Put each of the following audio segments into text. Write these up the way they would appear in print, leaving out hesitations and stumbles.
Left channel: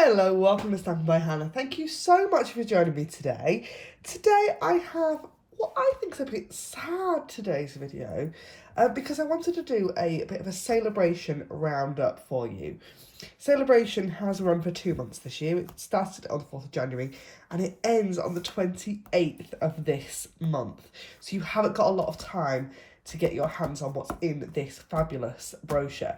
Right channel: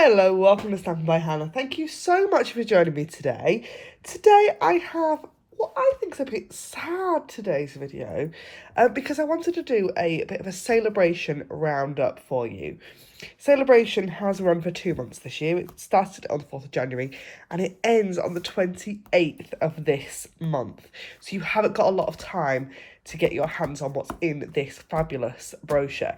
Hello, welcome to Stamping by Hannah. Thank you so much for joining me today. Today I have what I think is a bit sad today's video because I wanted to do a bit of a Sale-a-bration roundup for you. Sale-a-bration has run for 2 months this year. It started on the 4th of January and it ends on the 28th of this month. So you haven't got a lot of time to get your hands on what's in this fabulous brochure.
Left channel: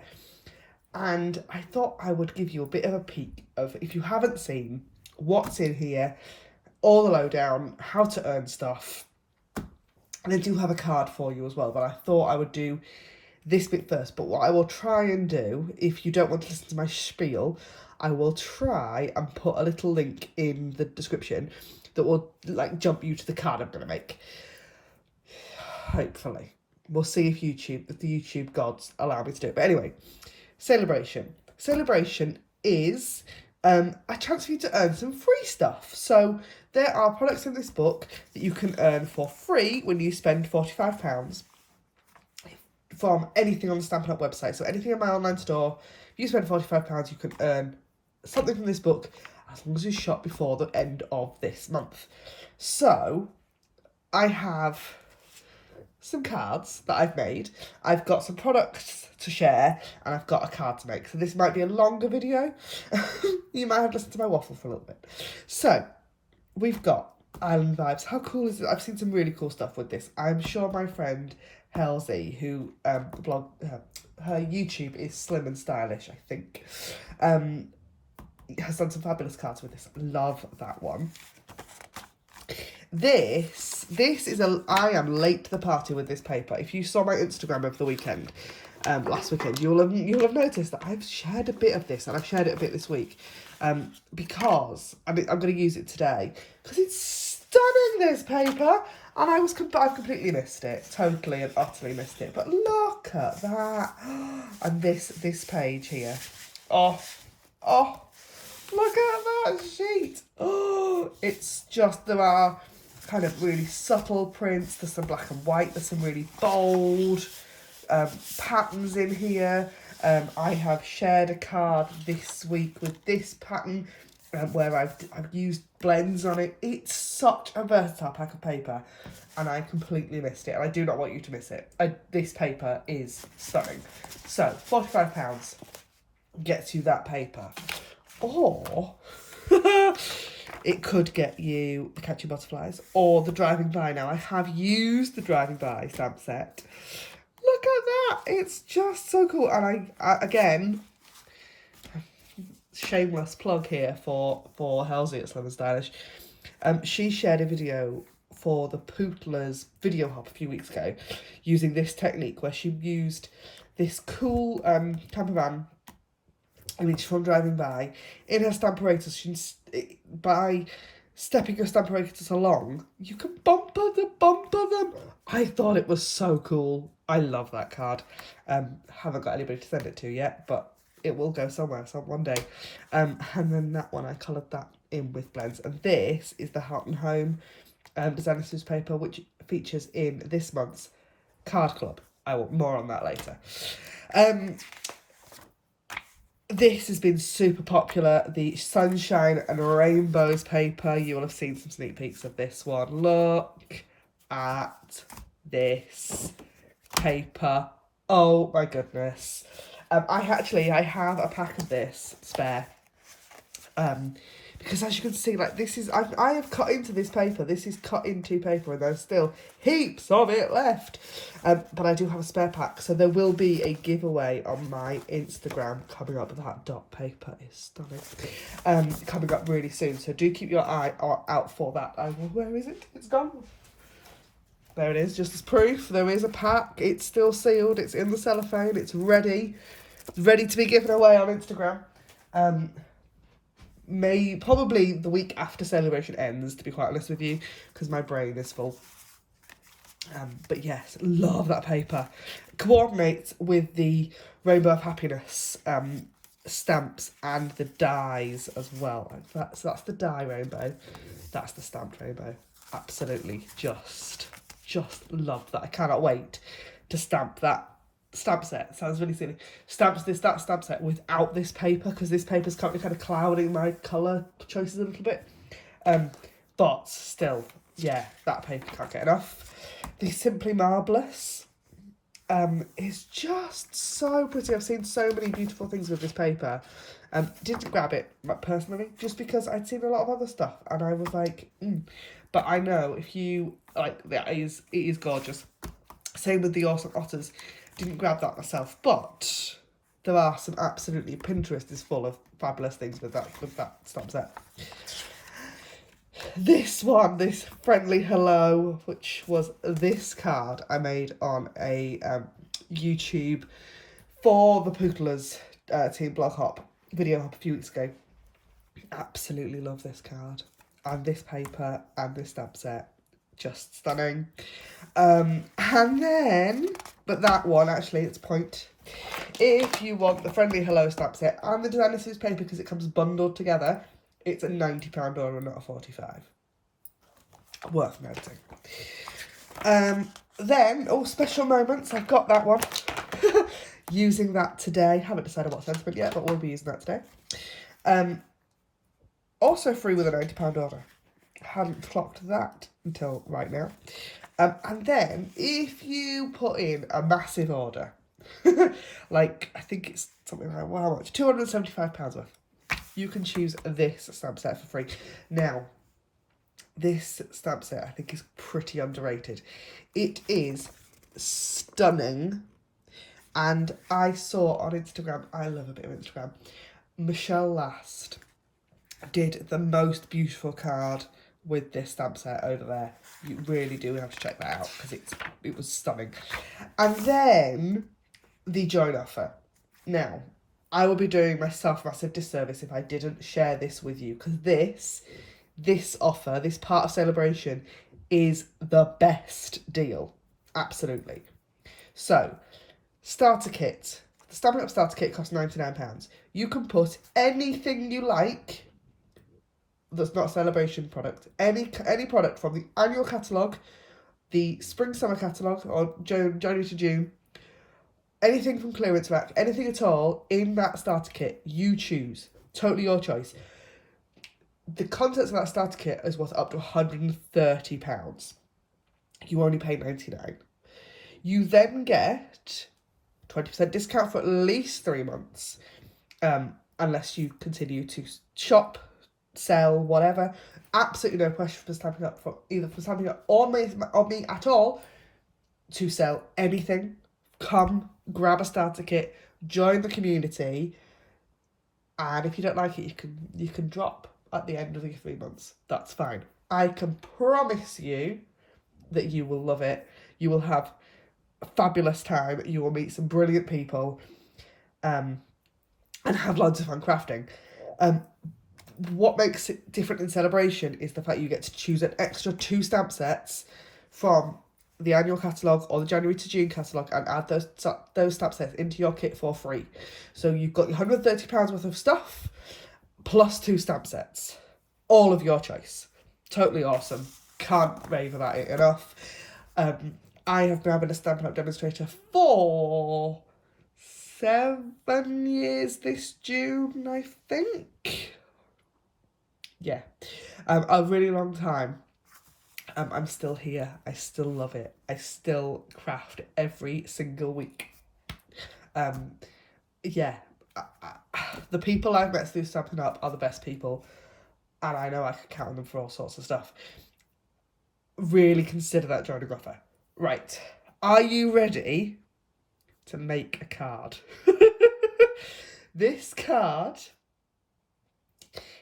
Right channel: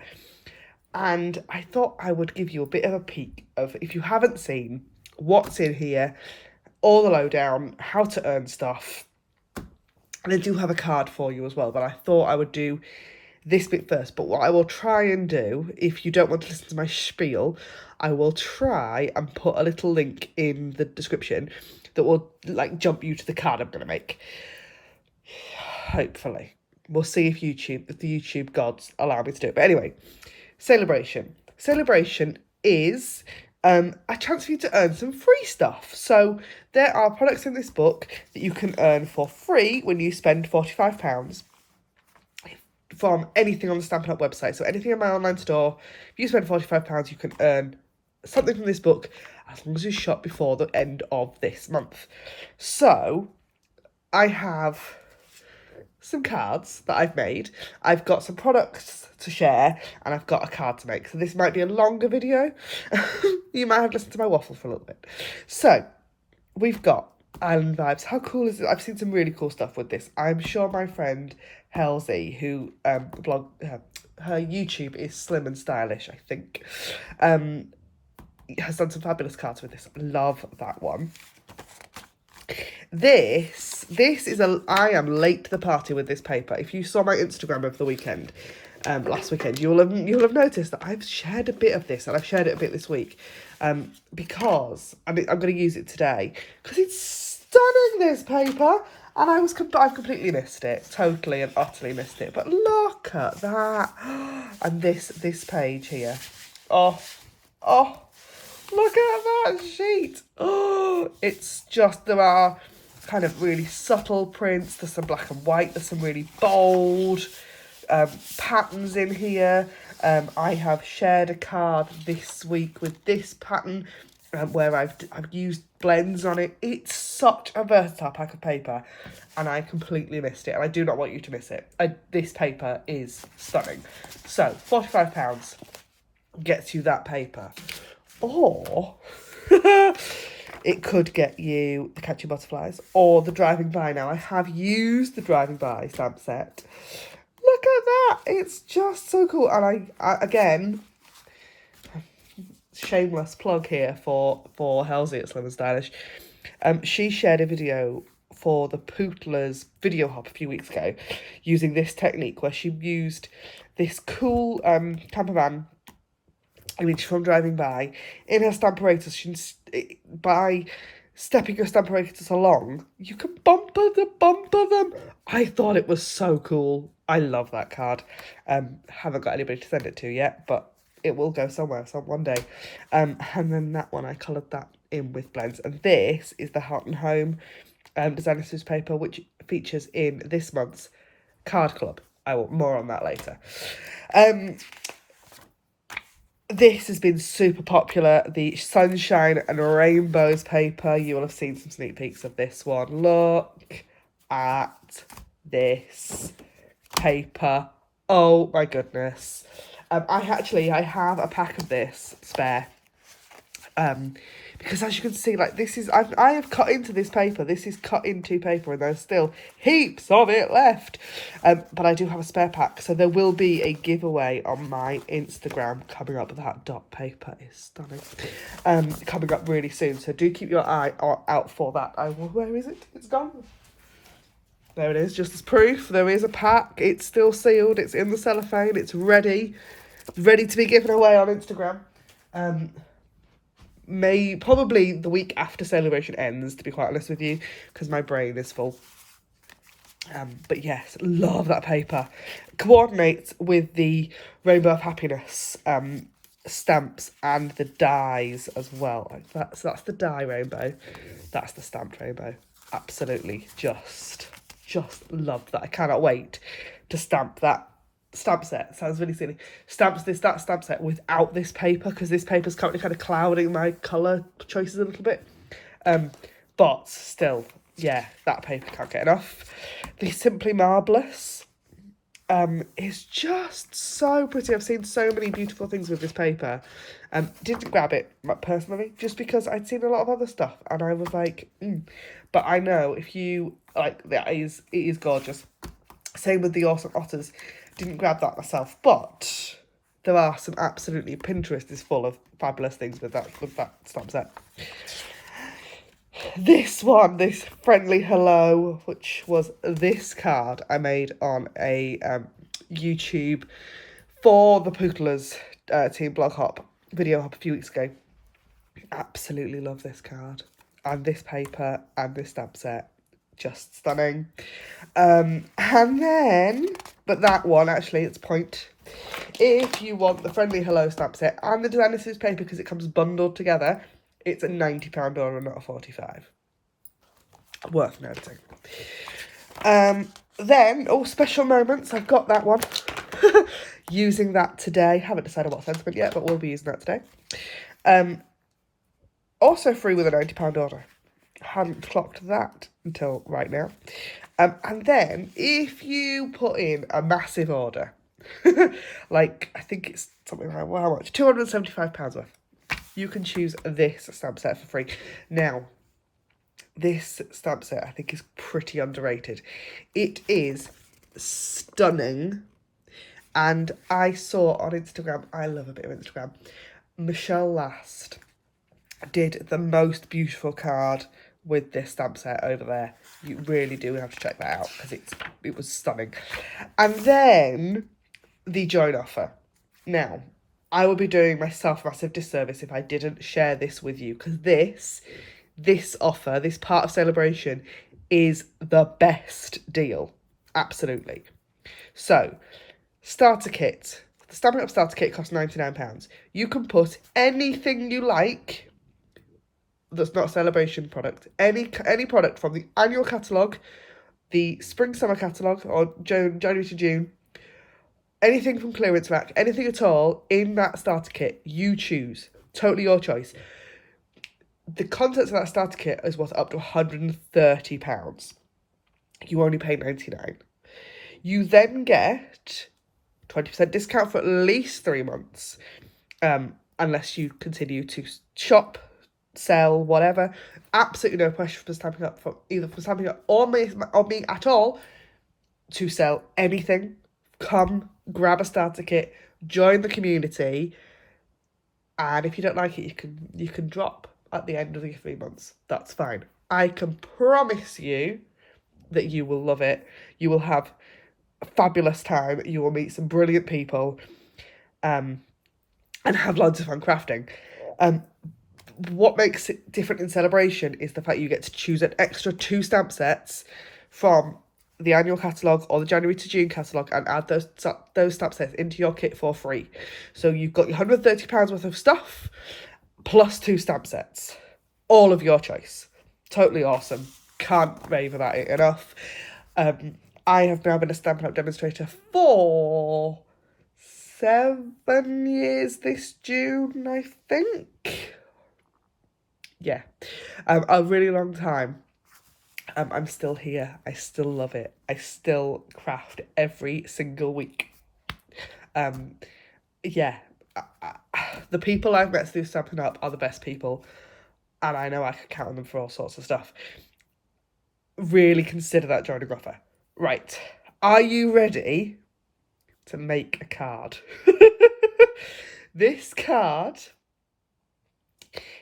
And I thought I would give you a bit of a peek of, if you haven't seen, what's in here, all the lowdown, how to earn stuff. And I do have a card for you as well, but I thought I would do this bit first. But what I will try and do, if you don't want to listen to my spiel, I will try and put a little link in the description that will jump you to the card I'm going to make. Hopefully. We'll see if the YouTube gods allow me to do it. But anyway, Sale-a-bration. Sale-a-bration is a chance for you to earn some free stuff. So there are products in this book that you can earn for free when you spend £45 from anything on the Stampin' Up website. So anything in my online store, if you spend £45, you can earn something from this book as long as you shop before the end of this month. So I have some cards that I've made. I've got some products to share and I've got a card to make. So this might be a longer video. You might have listened to my waffle for a little bit. So we've got Island Vibes. How cool is it? I've seen some really cool stuff with this. I'm sure my friend Halsey, who her YouTube is Slim and Stylish, I think, has done some fabulous cards with this. Love that one. This is I am late to the party with this paper. If you saw my Instagram over the weekend, last weekend, you'll have noticed that I've shared a bit of this, and I've shared it a bit this week, because I'm going to use it today because it's stunning, this paper, and I've completely missed it, totally and utterly missed it. But look at that, and this page here, oh. Look at that sheet. Oh, it's just, there are kind of really subtle prints. There's some black and white. There's some really bold patterns in here. I have shared a card this week with this pattern where I've used blends on it. It's such a versatile pack of paper and I completely missed it. And I do not want you to miss it. This paper is stunning. So £45 gets you that paper. Or it could get you the Catchy Butterflies or the Driving By. Now, I have used the Driving By stamp set. Look at that. It's just so cool. And I again, shameless plug here for Halsey at Slim and Stylish. She shared a video for the Pootler's video hop a few weeks ago using this technique where she used this cool camper van image from Driving By in her Stamparatus. By stepping your Stamparatus along, you can bumper them. I thought it was so cool. I love that card. Haven't got anybody to send it to yet, but it will go somewhere one day. And then that one, I coloured that in with blends. And this is the Heart and Home designer newspaper, which features in this month's card club. I will more on that later. This has been super popular, the Sunshine and Rainbows paper. You will have seen some sneak peeks of this one. Look at this paper. Oh my goodness. I have a pack of this spare. Because as you can see, this is, I have cut into this paper. This is cut into paper and there's still heaps of it left. But I do have a spare pack. So there will be a giveaway on my Instagram coming up. That dot paper is stunning. Coming up really soon. So do keep your eye out for that. Where is it? It's gone. There it is, just as proof. There is a pack. It's still sealed. It's in the cellophane. It's ready to be given away on Instagram. Probably the week after Sale-a-bration ends, to be quite honest with you, because my brain is full. But yes, love that paper. Coordinates with the Rainbow of Happiness stamps and the dies as well. So that's the die rainbow. That's the stamped rainbow. Absolutely just love that. I cannot wait to stamp that stamp set. Sounds really silly. That stamp set without this paper, because this paper's currently kind of clouding my colour choices a little bit. But still, yeah, that paper can't get enough. The Simply Marvellous is just so pretty. I've seen so many beautiful things with this paper. Didn't grab it personally, just because I'd seen a lot of other stuff, and I was like, But I know if you like, it is gorgeous. Same with the Awesome Otters. Didn't grab that myself, but there are some absolutely, Pinterest is full of fabulous things with that stamp set. This one, this Friendly Hello, which was this card I made on a YouTube for the Poodlers Team Blog Hop video hop a few weeks ago. Absolutely love this card and this paper and this stamp set. Just stunning. And then, but that one actually, it's point. If you want the Friendly Hello stamp set and the Designer Series paper, because it comes bundled together, it's a £90 order, not a £45. Worth noting. Then, special moments. I've got that one. Using that today. Haven't decided what sentiment yet, but we'll be using that today. Also free with a £90 order. Hadn't clocked that until right now. And then, if you put in a massive order, like, I think it's something like, well, how much? £275 worth. You can choose this stamp set for free. Now, this stamp set I think is pretty underrated. It is stunning. And I saw on Instagram, I love a bit of Instagram, Michelle Last did the most beautiful card with this stamp set over there. You really do have to check that out, because it was stunning. And then the join offer. Now, I would be doing myself a massive disservice if I didn't share this with you, because this offer, this part of Sale-a-bration, is the best deal. Absolutely. So, starter kit. The Stampin' Up starter kit costs £99. You can put anything you like that's not a Sale-a-bration product. Any product from the annual catalogue, the spring-summer catalogue, or January to June, anything from clearance rack, anything at all in that starter kit, you choose. Totally your choice. The contents of that starter kit is worth up to £130. You only pay £99. You then get 20% discount for at least 3 months, unless you continue to shop, sell, whatever. Absolutely no pressure for Stampin' Up, either for Stampin' Up or me at all, to sell anything. Come, grab a starter kit, join the community, and if you don't like it, you can drop at the end of the 3 months. That's fine. I can promise you that you will love it. You will have a fabulous time. You will meet some brilliant people, and have loads of fun crafting. What makes it different in Sale-a-bration is the fact you get to choose an extra 2 stamp sets from the annual catalogue or the January to June catalogue, and add those stamp sets into your kit for free. So you've got your £130 worth of stuff plus 2 stamp sets, all of your choice. Totally awesome. Can't rave about it enough. I have now been a Stampin' Up demonstrator for 7 years this June, I think. Yeah, a really long time. I'm still here. I still love it. I still craft every single week. Yeah, the people I've met through Stampin' Up are the best people, and I know I can count on them for all sorts of stuff. Really consider that joining offer. Right, are you ready to make a card? This card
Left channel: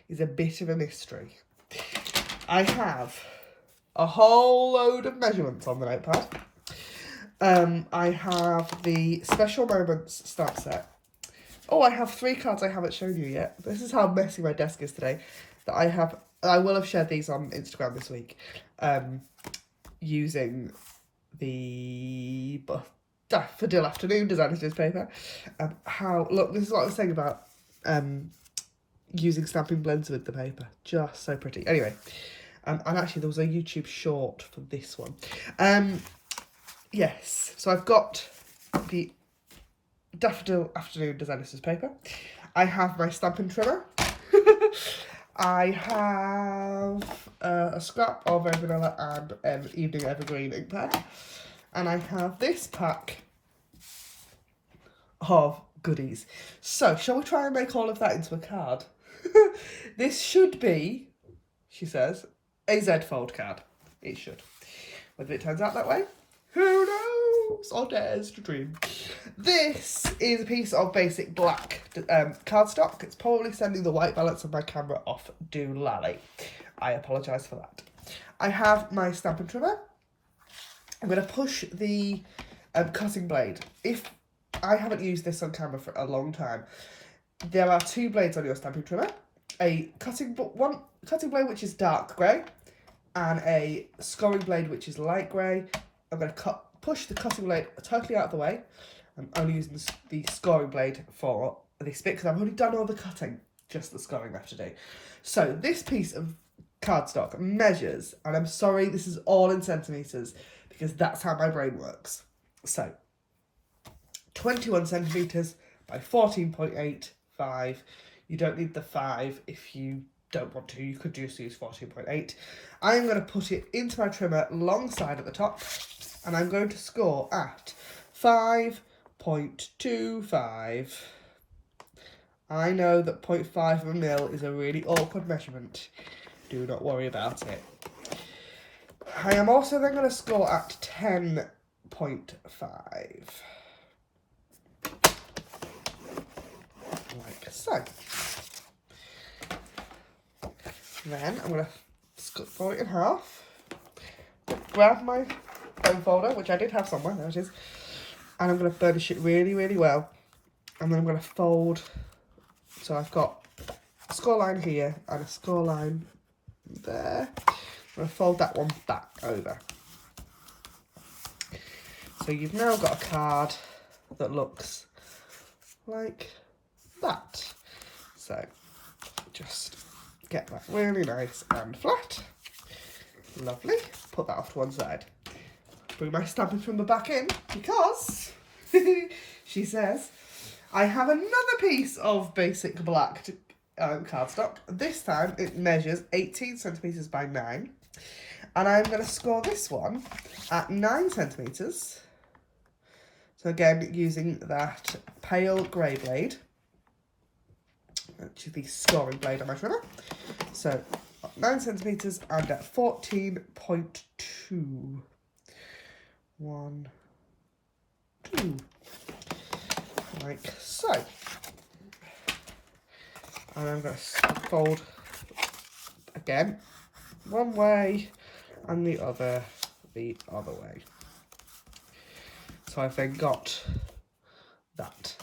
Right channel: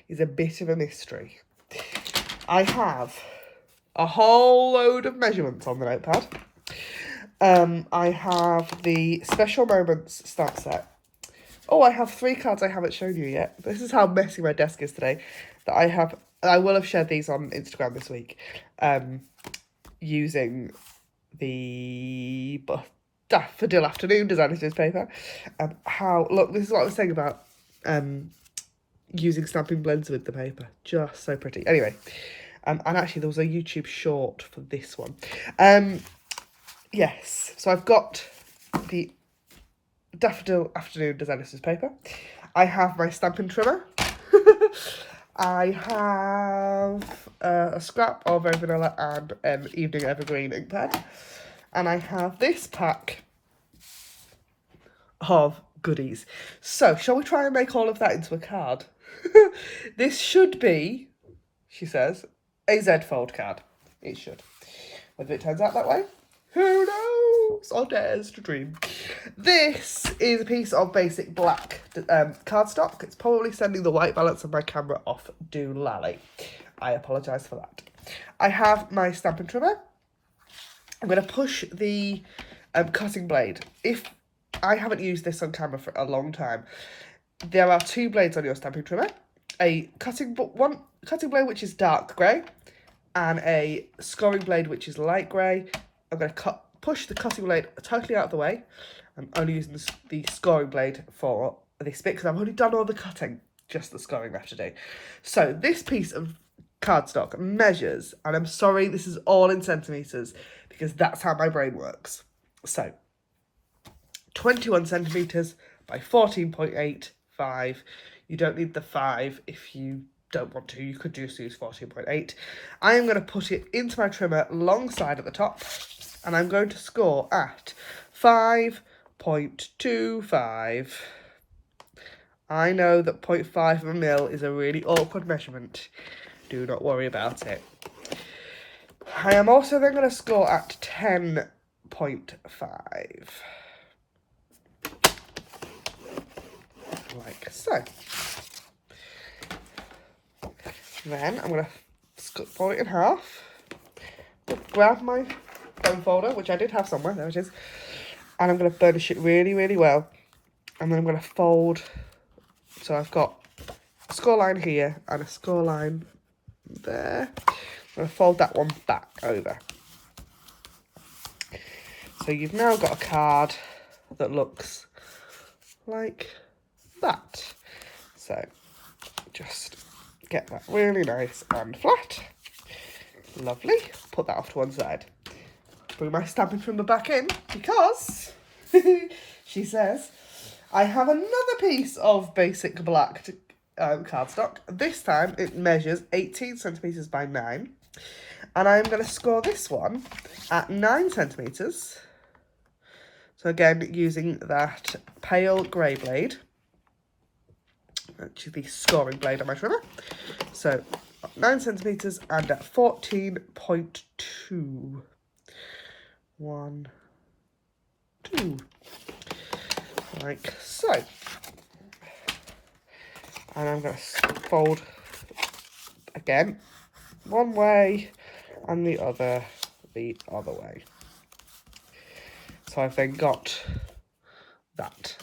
is a bit of a mystery. I have a whole load of measurements on the notepad. I have the Special Moments stamp set. Oh, I have 3 cards I haven't shown you yet. This is how messy my desk is today. I will have shared these on Instagram this week. Using the Daffodil Afternoon Designer Series paper. Look, this is what I was saying about using stamping blends with the paper. Just so pretty. Anyway, and actually there was a YouTube short for this one. Yes, so I've got the Daffodil Afternoon Designer's paper. I have my stamping trimmer. I have a scrap of Very Vanilla and an Evening Evergreen ink pen. And I have this pack of goodies. So, shall we try and make all of that into a card? This should be, she says, a Z-fold card. It should. Whether it turns out that way, who knows? Or dares to dream. This is a piece of basic black cardstock. It's probably sending the white balance of my camera off doolally. I apologise for that. I have my stamping trimmer. I'm going to push the cutting blade. If I haven't used this on camera for a long time, there are two blades on your stamping trimmer. A cutting blade which is dark grey, and a scoring blade which is light grey. I'm going to push the cutting blade totally out of the way. I'm only using the scoring blade for this bit because I've already done all the cutting, just the scoring left to do. So this piece of cardstock measures, and I'm sorry this is all in centimetres because that's how my brain works. So 21 centimetres by 14.85. You don't need the 5 if you don't want to. You could just use 14.8. I am going to put it into my trimmer alongside at the top, and I'm going to score at 5.25. I know that 0.5 of a mil is a really awkward measurement. Do not worry about it. I am also then going to score at 10.5. Like so. Then I'm going to fold it in half. Grab my bone folder, which I did have somewhere, there it is. And I'm going to burnish it really, really well. And then I'm going to fold. So I've got a score line here and a score line there. I'm going to fold that one back over. So you've now got a card that looks like that. So just get that really nice and flat. Lovely. Put that off to one side. Bring my stamping trimmer back in because she says I have another piece of basic black cardstock. This time it measures 18 centimetres by 9. And I'm going to score this one at 9 centimetres. So again, using that pale grey blade, which is the scoring blade on my trimmer. So 9 centimetres and at 14.2. 1, 2. Like so. And I'm going to fold again, one way and the other way. So I've then got that.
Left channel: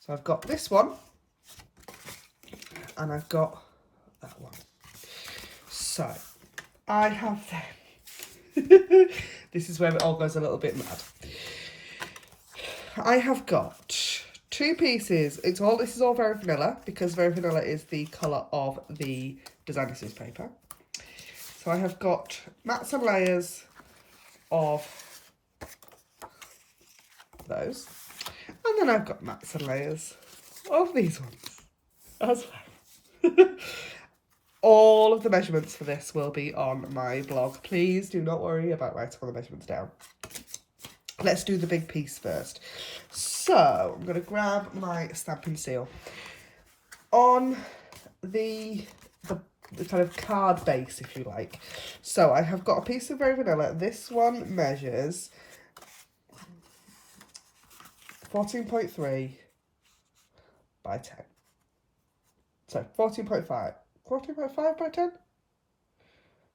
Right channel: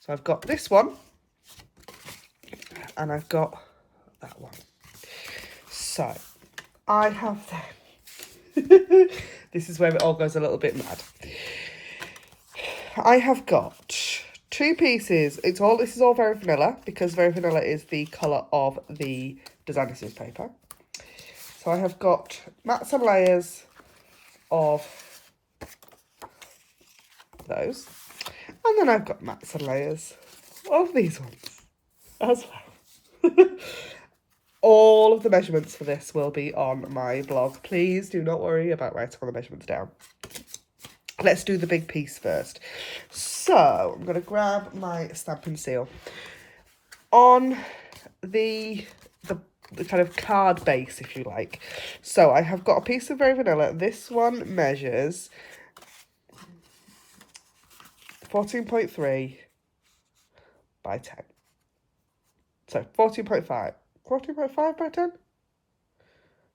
So I've got this one and I've got that one. So I have then this is where it all goes a little bit mad. I have got two pieces. This is all Very Vanilla because Very Vanilla is the colour of the designer scissors paper. So I have got mats and layers of those. And then I've got mats and layers of these ones as well. All of the measurements for this will be on my blog. Please do not worry about writing all the measurements down. Let's do the big piece first. So I'm going to grab my stamping seal. On the kind of card base, if you like. So I have got a piece of Very Vanilla. This one measures 14.3 by 10. So 14.5. 14.5 by 10?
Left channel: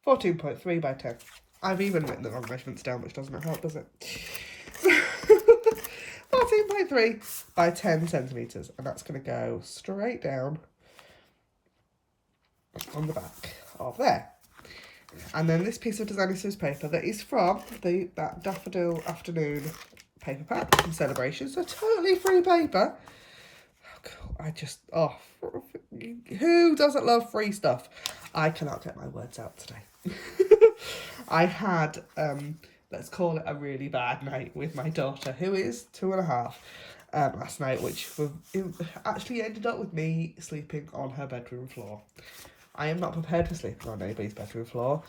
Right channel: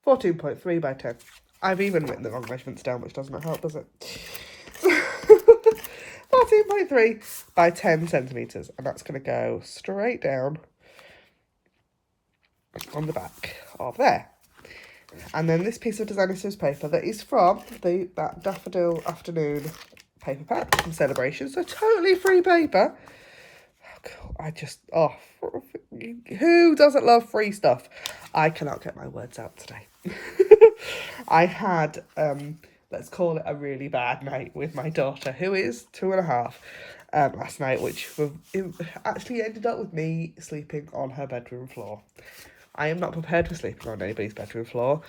14.3 by 10. I've even written the wrong measurements down, which doesn't help, does it? 14.3 by 10 centimetres. And that's going to go straight down on the back of there. And then this piece of designer scissors paper that is from that Daffodil Afternoon paper pack from Sale-a-bration. So totally free paper. Who doesn't love free stuff? I cannot get my words out today. I had, let's call it a really bad night with my daughter, who is 2.5. last night, which it actually ended up with me sleeping on her bedroom floor. I am not prepared for sleeping on anybody's bedroom floor.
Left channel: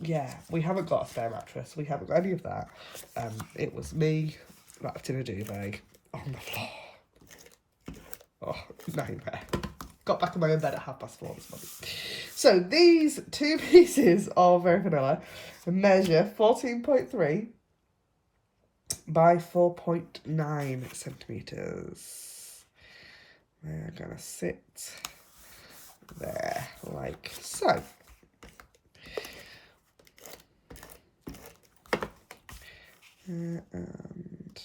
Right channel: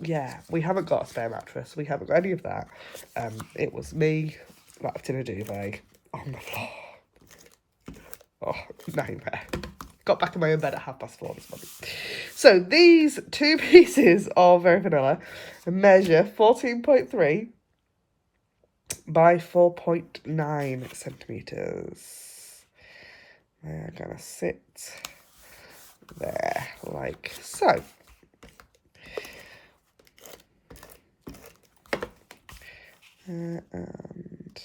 Yeah, we haven't got a spare mattress. We haven't got any of that. It was me wrapped in a duvet on the floor. Oh, nightmare. Got back in my own bed at 4:30 this morning. So these two pieces of Very Vanilla measure 14.3 by 4.9 centimetres. They're gonna sit there like so. And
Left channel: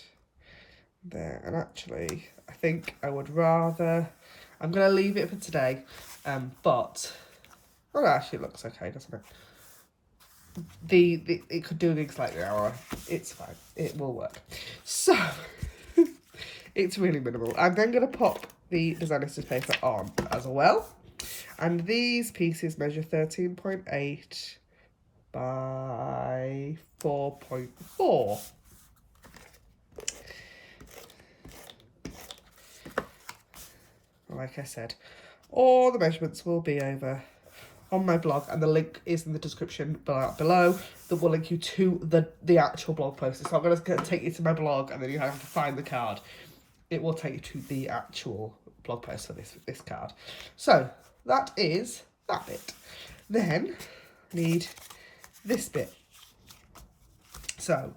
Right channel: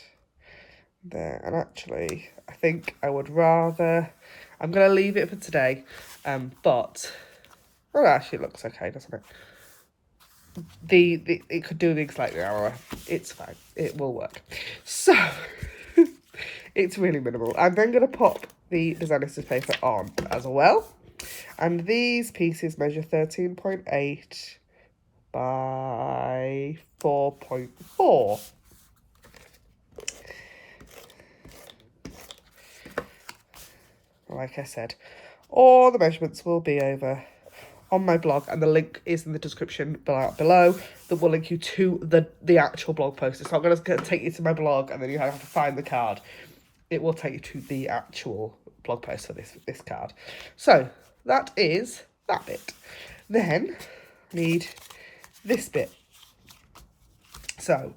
there, and actually I think I would rather, I'm going to leave it for today, but, well, actually it looks okay, doesn't it? It could do things like the hour. It's fine, it will work. So it's really minimal. I'm then going to pop the designer paper on as well, and these pieces measure 13.8 by 4.4. Like I said, all the measurements will be over on my blog, and the link is in the description below that will link you to the actual blog post. It's not going to take you to my blog and then you have to find the card. It will take you to the actual blog post for this card. So that is that bit. Then I need this bit. So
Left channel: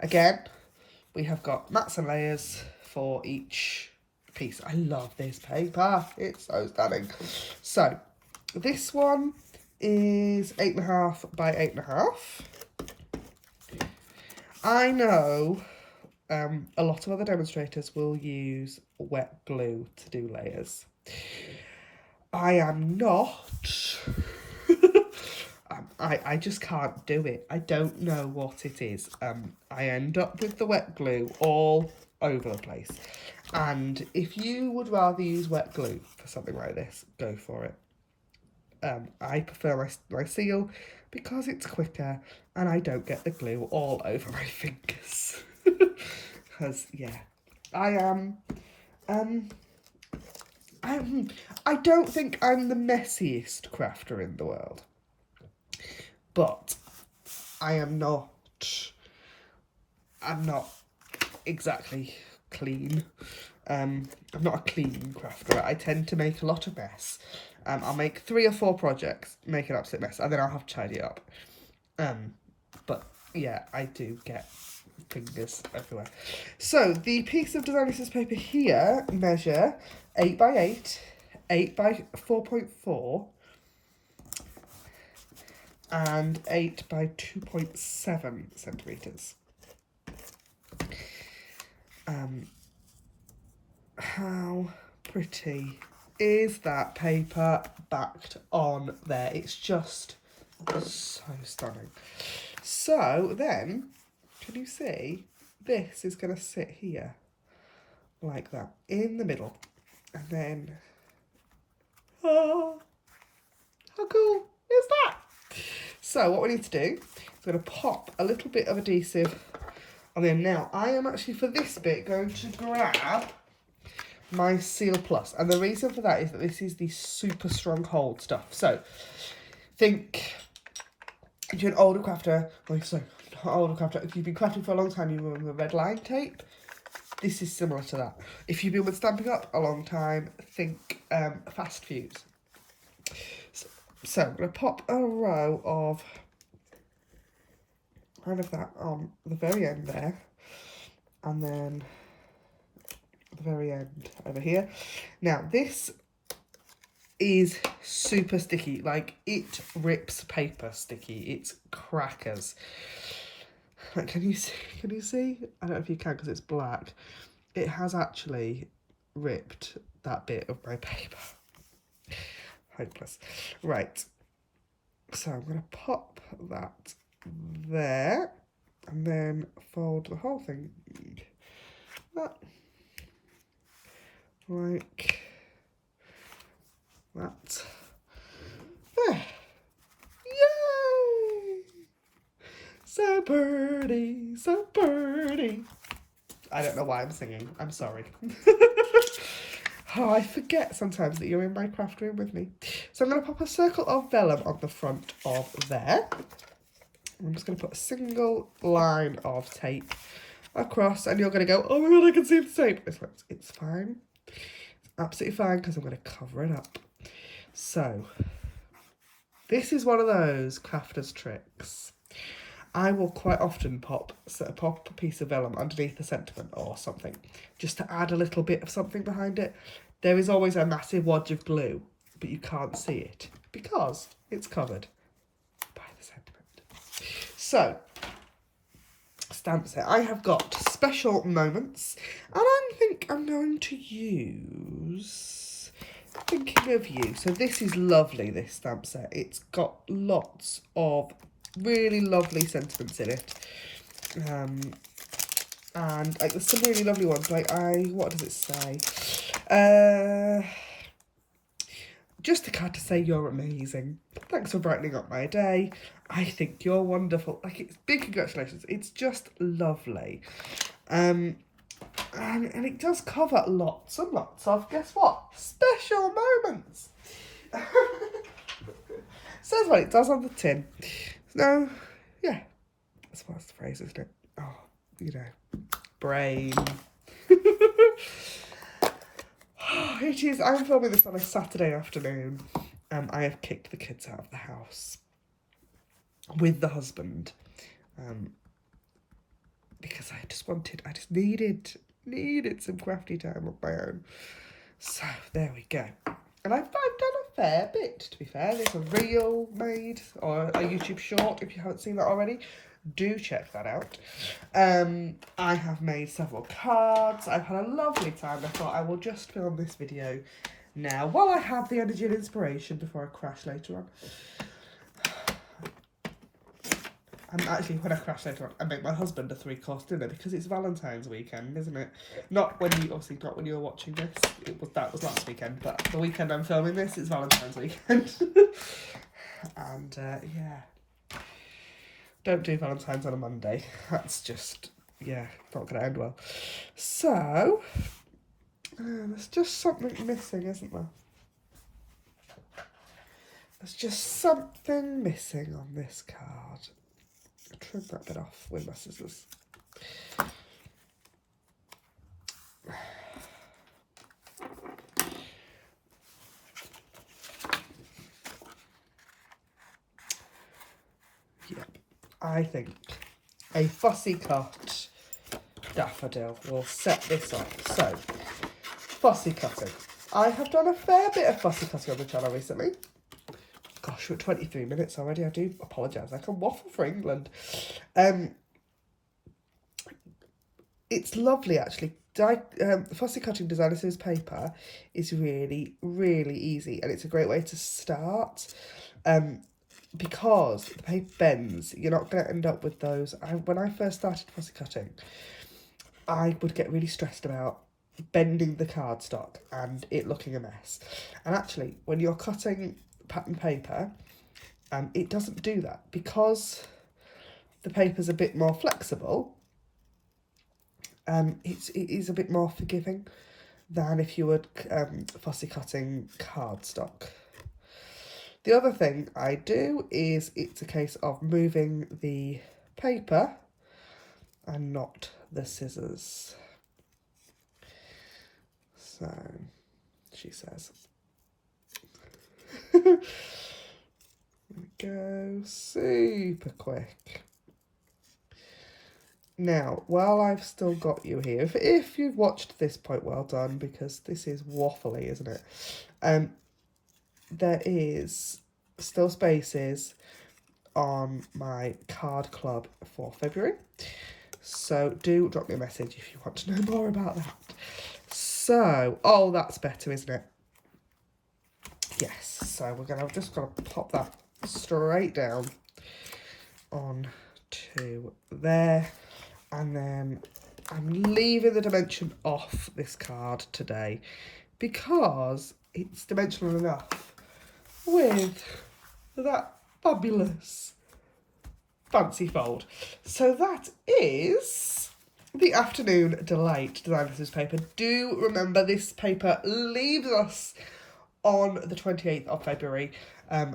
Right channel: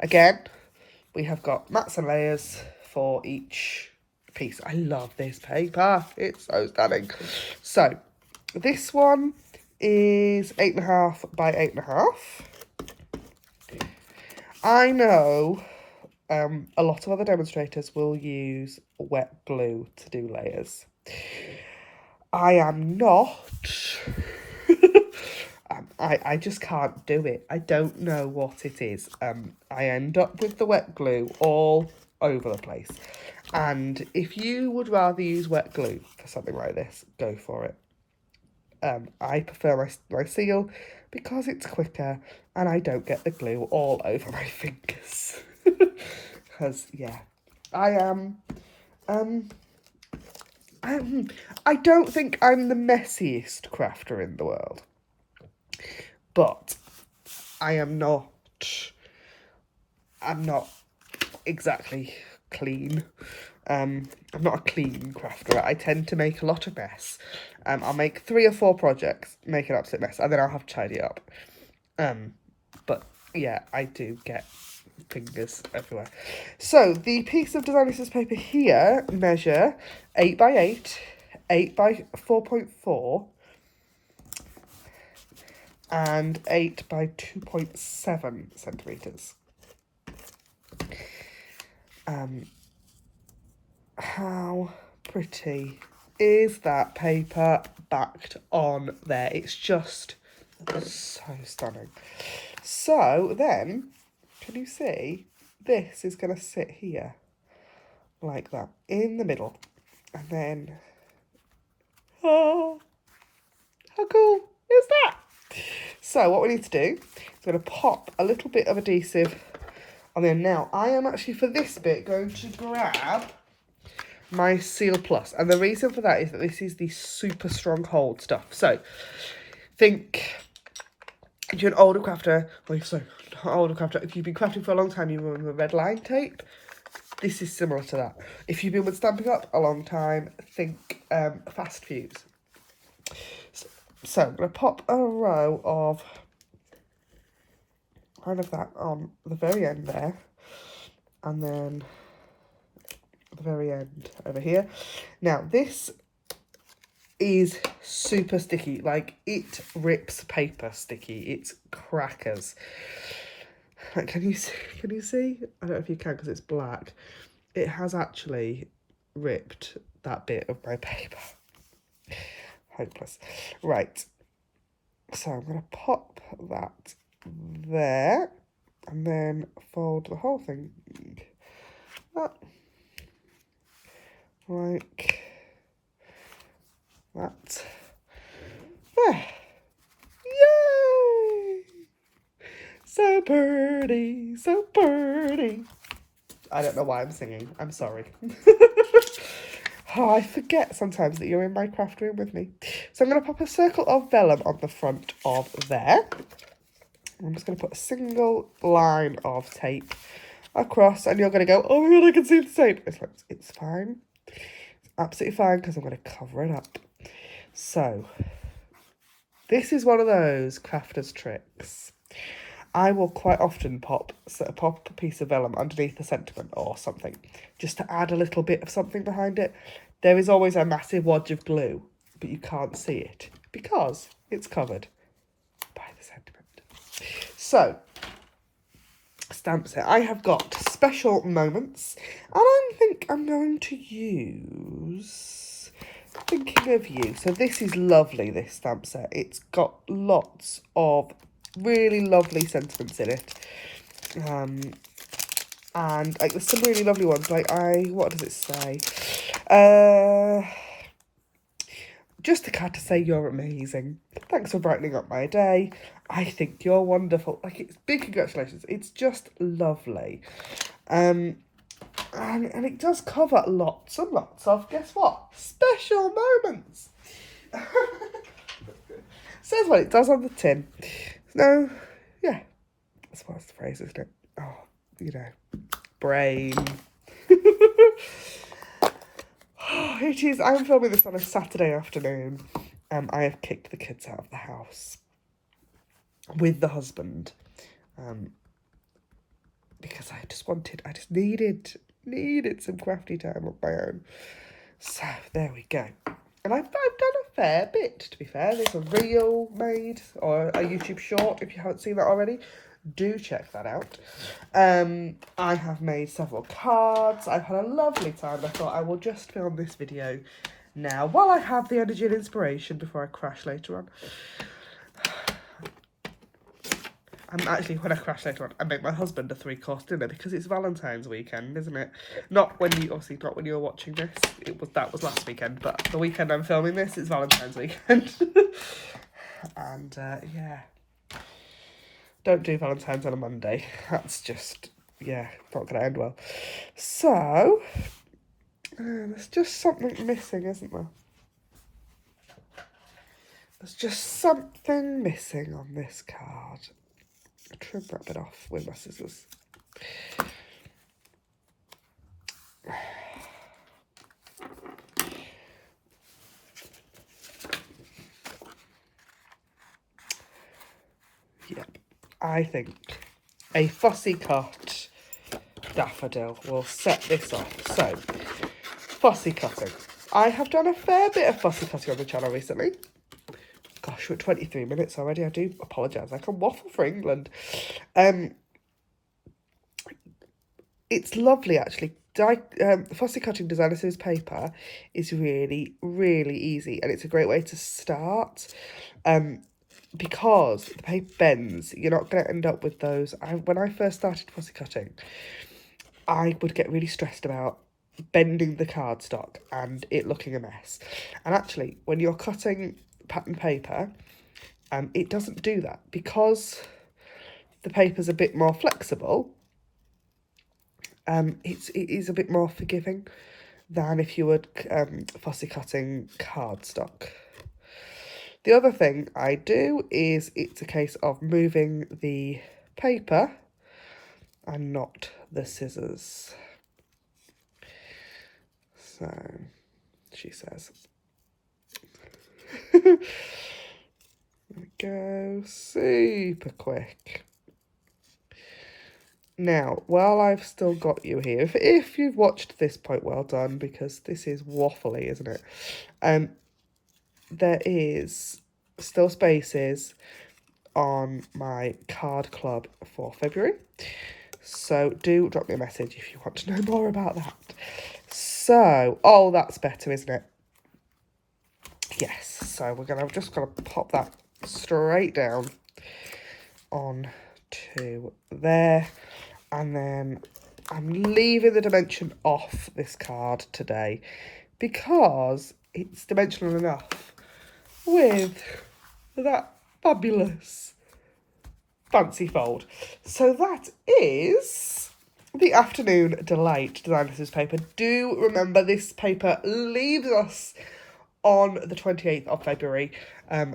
again, we have got mats and layers for each piece. I love this paper, it's so stunning. So this one is 8.5 by 8.5. I know a lot of other demonstrators will use wet glue to do layers. I am not. I just can't do it. I don't know what it is. I end up with the wet glue all over the place. And if you would rather use wet glue for something like this, go for it. I prefer my seal because it's quicker and I don't get the glue all over my fingers. Because, yeah, I don't think I'm the messiest crafter in the world. But I'm not exactly clean. I'm not a clean crafter. I tend to make a lot of mess. I'll make 3 or 4 projects, make an absolute mess, and then I'll have to tidy up. But yeah, I do get fingers everywhere. So the piece of design paper here measure 8 by 8, 8 by 4.4, and 8 by 2.7 centimetres. How pretty is that paper backed on there? It's just so stunning. So then, can you see, this is going to sit here like that in the middle, and then, oh, how cool is that? So what we need to do is going to pop a little bit of adhesive on there. Now, I am actually, for this bit, going to grab my Seal Plus, and the reason for that is that this is the super strong hold stuff. So think if you're an older crafter, if you've been crafting for a long time, you remember red line tape. This is similar to that. If you've been with Stampin' Up a long time, think fast fuse. So I'm going to pop a row of kind of that on the very end there, and then the very end over here. Now this is super sticky, like it rips paper sticky. It's crackers. Can you see? I don't know if you can because it's black. It has actually ripped that bit of my paper. Hopeless. Right. So I'm going to pop that there and then fold the whole thing up like that. There. Yay! So pretty, so pretty. I don't know why I'm singing. I'm sorry. Oh, I forget sometimes that you're in my craft room with me. So I'm going to pop a circle of vellum on the front of there. I'm just going to put a single line of tape across, and you're going to go, oh my god, I can see the tape. It's fine. It's absolutely fine, because I'm going to cover it up. So, this is one of those crafter's tricks. I will quite often pop a piece of vellum underneath a sentiment or something, just to add a little bit of something behind it. There is always a massive wad of glue, but you can't see it because it's covered by the sentiment. So, stamp set. I have got special moments, and I think I'm going to use Thinking of You. So this is lovely, this stamp set. It's got lots of really lovely sentiments in it. And like, there's some really lovely ones. Like, what does it say? Just a card to say you're amazing. Thanks for brightening up my day. I think you're wonderful. Like, it's big congratulations. It's just lovely. And it does cover lots and lots of, guess what? Special moments. Says what it does on the tin. So, yeah. That's what's the phrase, isn't it? Oh, you know. Brain. It is. I'm filming this on a Saturday afternoon. I have kicked the kids out of the house with the husband, because I just needed some crafty time of my own. So there we go. And I've done a fair bit, to be fair. There's a reel made, or a YouTube short, if you haven't seen that already. Do check that out. I have made several cards. I've had a lovely time. I thought I will just film this video now while I have the energy and inspiration before I crash later on. And actually, when I crash later on, I make my husband a 3-course dinner because it's Valentine's weekend, isn't it? Not when you're watching this. That was last weekend, but the weekend I'm filming this, it's Valentine's weekend. And yeah. Don't do Valentine's on a Monday. That's just, yeah, not going to end well. So, there's just something missing, isn't there? There's just something missing on this card. I'll trim that bit off with my scissors. Yep. I think a fussy cut daffodil will set this off. So, fussy cutting. I have done a fair bit of fussy cutting on the channel recently. Gosh, we're at 23 minutes already. I do apologise. I can waffle for England. It's lovely, actually. Fussy cutting designer scissors paper is really, really easy, and it's a great way to start. Because the paper bends, you're not going to end up with those. When I first started fussy cutting, I would get really stressed about bending the cardstock and it looking a mess. And actually, when you're cutting pattern paper, it doesn't do that, because the paper's a bit more flexible. It is a bit more forgiving than if you were fussy cutting cardstock. The other thing I do is it's a case of moving the paper and not the scissors. So, she says. There we go, super quick. Now, while I've still got you here, if you've watched this point, well done, because this is waffly, isn't it? There is still spaces on my card club for February, so do drop me a message if you want to know more about that. So, oh, that's better, isn't it? Yes, so we're just gonna pop that straight down on to there, and then I'm leaving the dimension off this card today because it's dimensional enough with that fabulous fancy fold. So that is the Afternoon Delight Designer's paper. Do remember this paper leaves us on the 28th of February,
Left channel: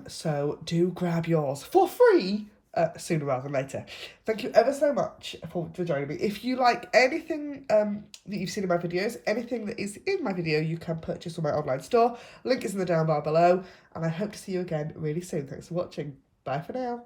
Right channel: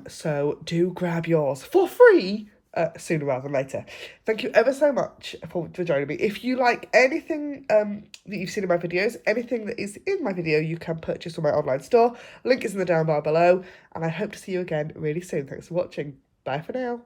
so do grab yours for free sooner rather than later. Thank you ever so much for joining me. If you like anything that you've seen in my videos, anything that is in my video, you can purchase on my online store. Link is in the down bar below, and I hope to see you again really soon. Thanks for watching. Bye for now.